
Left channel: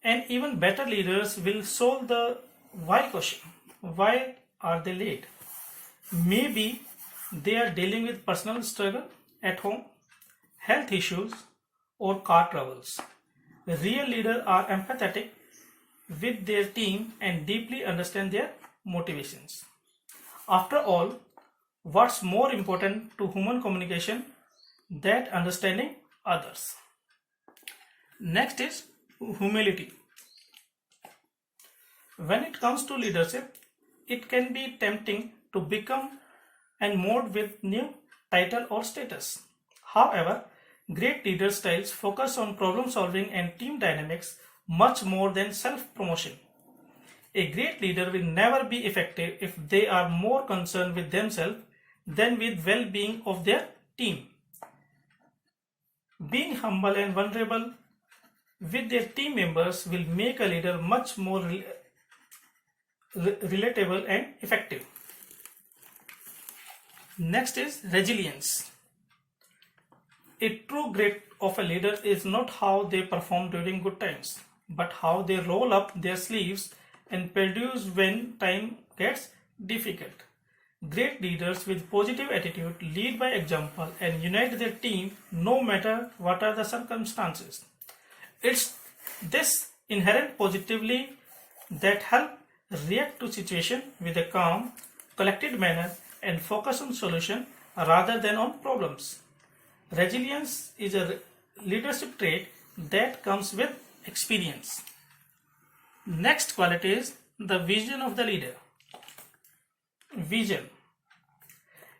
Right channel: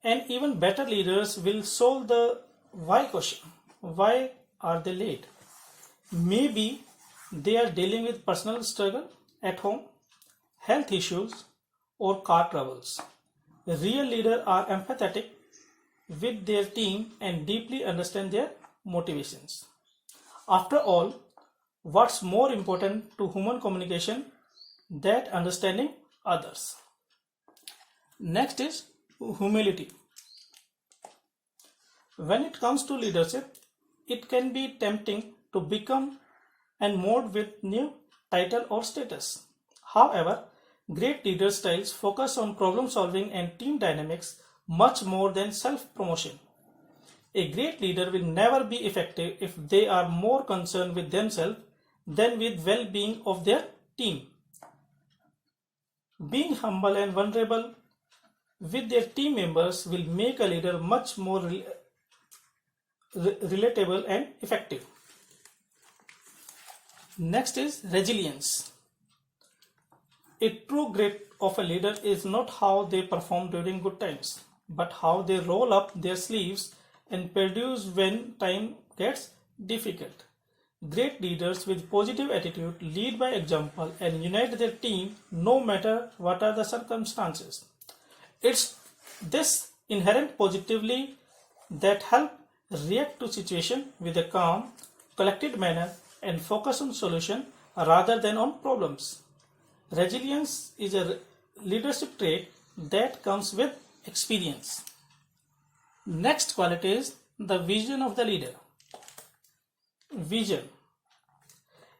And even better leaders will solve the why question. Why are they late? Maybe they are dealing with personal struggle at home, health issues, or car troubles. Real leaders are empathetic with their team and deeply understand their motivations. After all, what's more important to human communication than understanding others? Next is humility. When it comes to leadership, it can be tempting to become and mold with new title or status. However, great leader styles focus on problem solving and team dynamics much more than self-promotion. A great leader will never be effective if they are more concerned with themselves than with well-being of their team. Being humble and vulnerable with their team members will make a leader much more relatable and effective. Next is resilience. A true great of a leader is not how they perform during good times, but how they roll up their sleeves and produce when time gets difficult. Great leaders with positive attitude lead by example and unite their team no matter what are the circumstances. It's this inherent positively that help react to situation with a calm, collected manner and focus on solution rather than on problems. Resilience is a leadership trait that comes with experience. Next quality is the vision of the leader. Vision.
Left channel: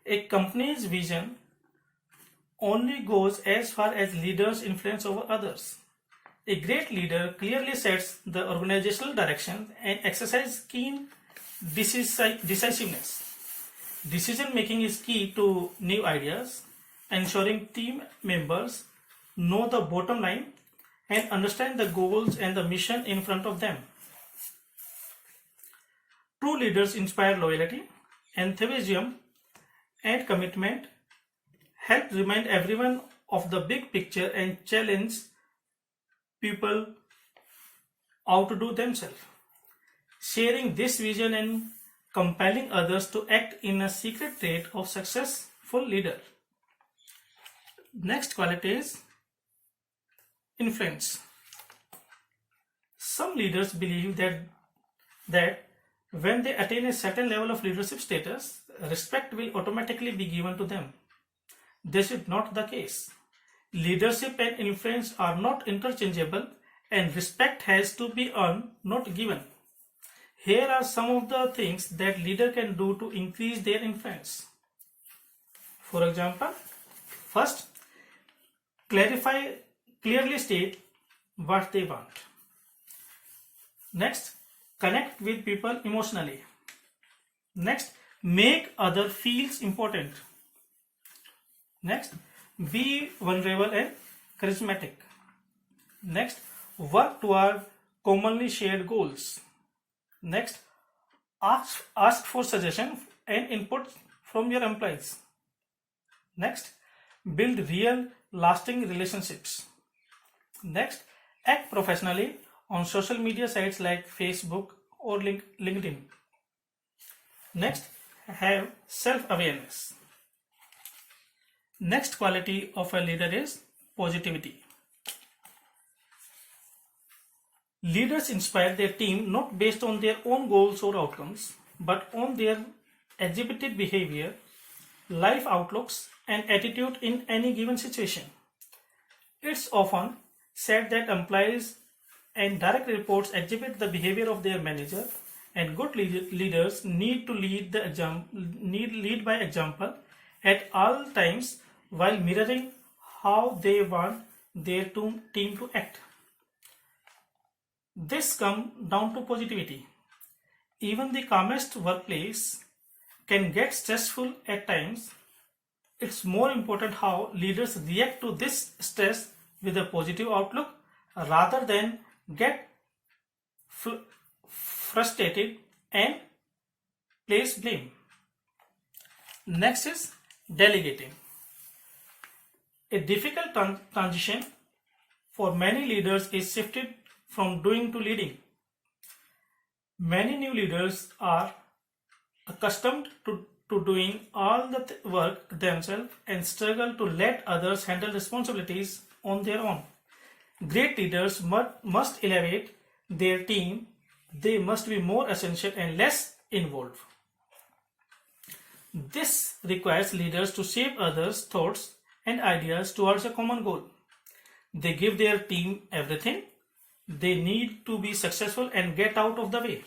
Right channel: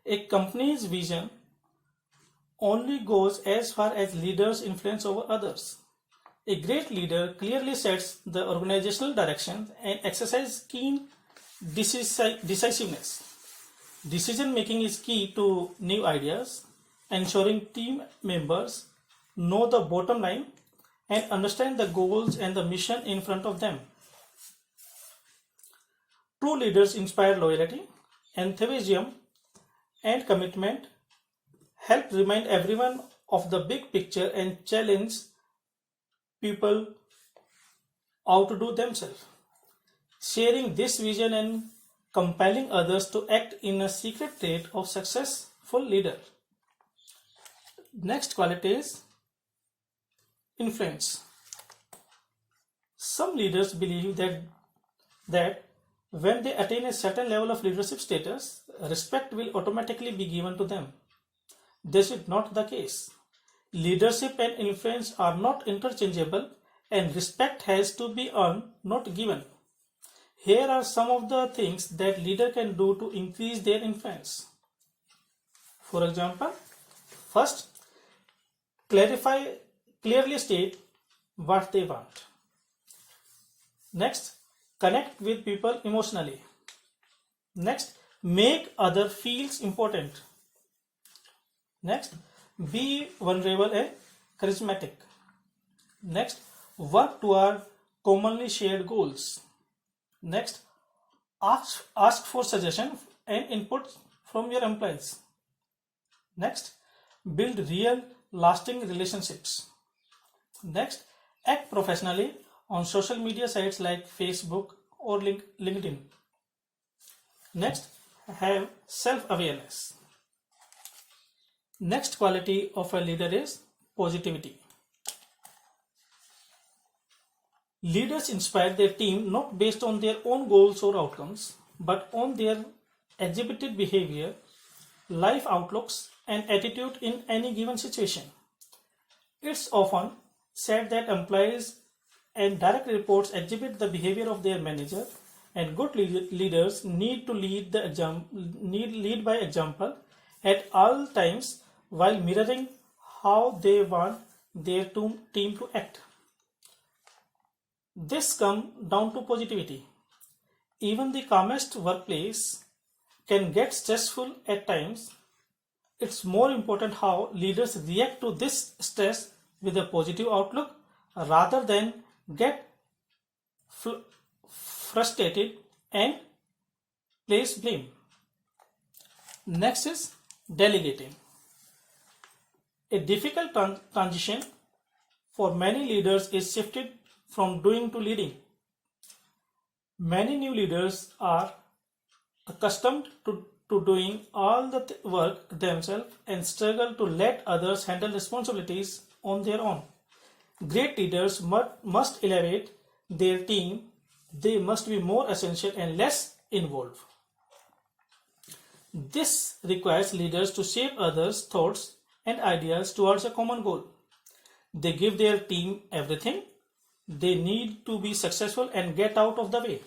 A company's vision only goes as far as leaders' influence over others. A great leader clearly sets the organizational direction and exercises keen decisiveness. Decision making is key to new ideas, ensuring team members know the bottom line and understand the goals and the mission in front of them. True leaders inspire loyalty, enthusiasm, and commitment, help remind everyone of the big picture and challenge people outdo themselves. Sharing this vision and compelling others to act in a secret trait of successful leader. Next quality is influence. Some leaders believe that when they attain a certain level of leadership status, respect will automatically be given to them. This is not the case. Leadership and influence are not interchangeable and respect has to be earned, not given. Here are some of the things that leader can do to increase their influence. For example, first, clearly state what they want. Next, connect with people emotionally. Next, make other feels important. Next, be vulnerable and charismatic. Next, work toward commonly shared goals. Next, ask for suggestion and input from your employees. Next, build real lasting relationships. Next, act professionally on social media sites like Facebook or LinkedIn. Next, have self-awareness. Next quality of a leader is positivity. Leaders inspire their team not based on their own goals or outcomes, but on their exhibited behavior, life outlooks, and attitude in any given situation. It's often said that employees and direct reports exhibit the behavior of their manager, and good leaders need to lead by example at all times while mirroring how they want their team to act. This comes down to positivity. Even the calmest workplace can get stressful at times. It's more important how leaders react to this stress with a positive outlook rather than get frustrated and place blame. Next is delegating. A difficult transition for many leaders is shifted from doing to leading. Many new leaders are accustomed to doing all the work themselves and struggle to let others handle responsibilities on their own. Great leaders must elevate their team. They must be more essential and less involved. This requires leaders to shape others' thoughts and ideas towards a common goal. They give their team everything they need to be successful and get out of the way.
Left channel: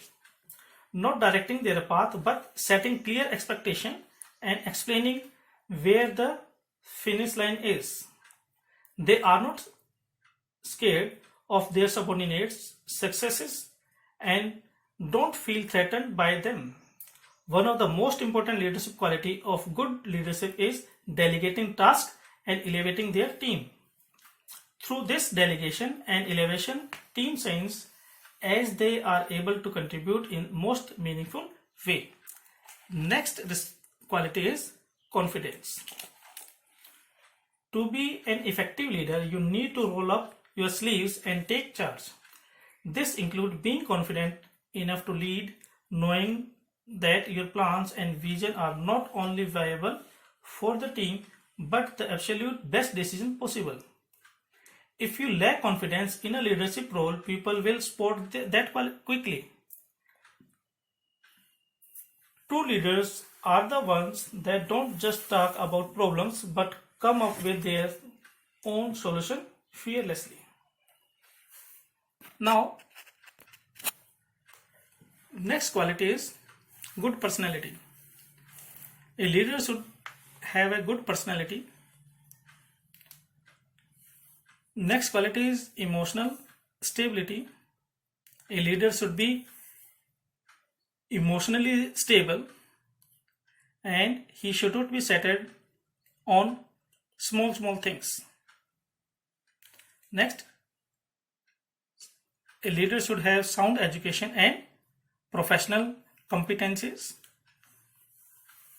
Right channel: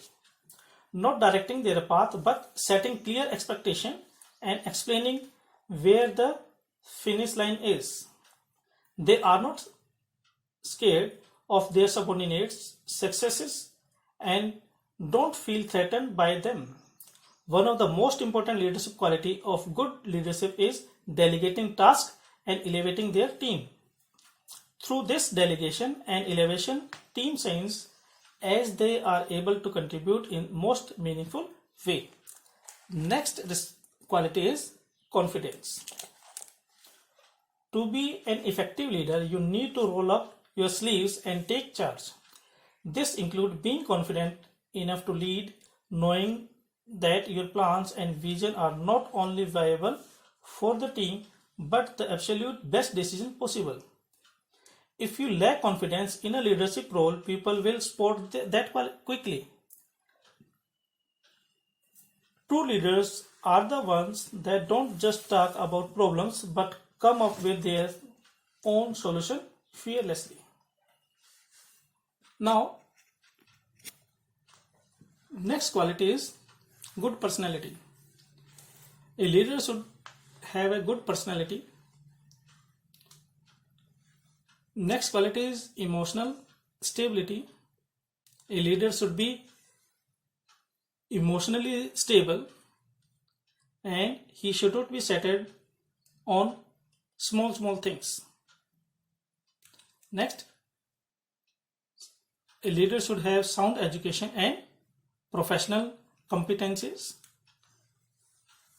Not directing their path, but setting clear expectation and explaining where the finish line is. They are not scared of their subordinates' successes and don't feel threatened by them. One of the most important leadership quality of good leadership is delegating tasks and elevating their team. Through this delegation and elevation, team shines as they are able to contribute in most meaningful way. Next quality is confidence. To be an effective leader, you need to roll up your sleeves and take charge. This includes being confident enough to lead, knowing that your plans and vision are not only viable for the team but the absolute best decision possible. If you lack confidence in a leadership role, people will spot that quickly. True leaders are the ones that don't just talk about problems but come up with their own solution fearlessly. Now, next quality is good personality. A leader should have a good personality. Next quality is emotional stability. A leader should be emotionally stable and he should not be centered on small things. Next, a leader should have sound education and professional competencies.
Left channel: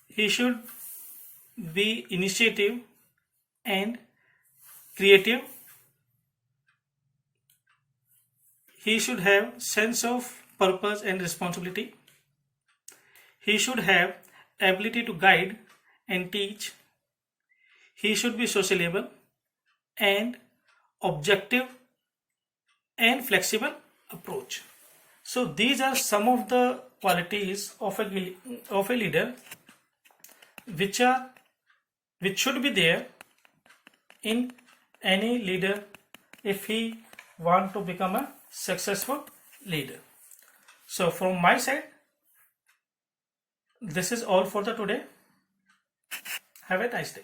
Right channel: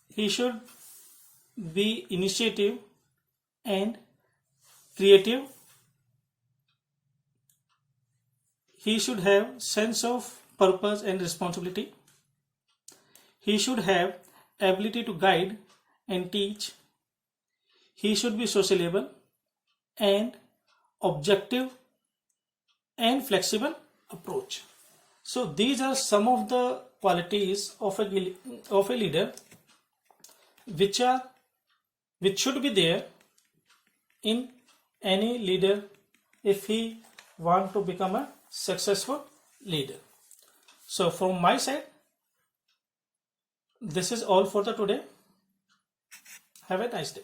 He should be initiative and creative. He should have sense of purpose and responsibility. He should have ability to guide and teach. He should be sociable and objective and flexible approach. So these are some of the qualities of a leader which should be there in any leader if he want to become a successful leader. So from my side, this is all for the today. Have a nice day.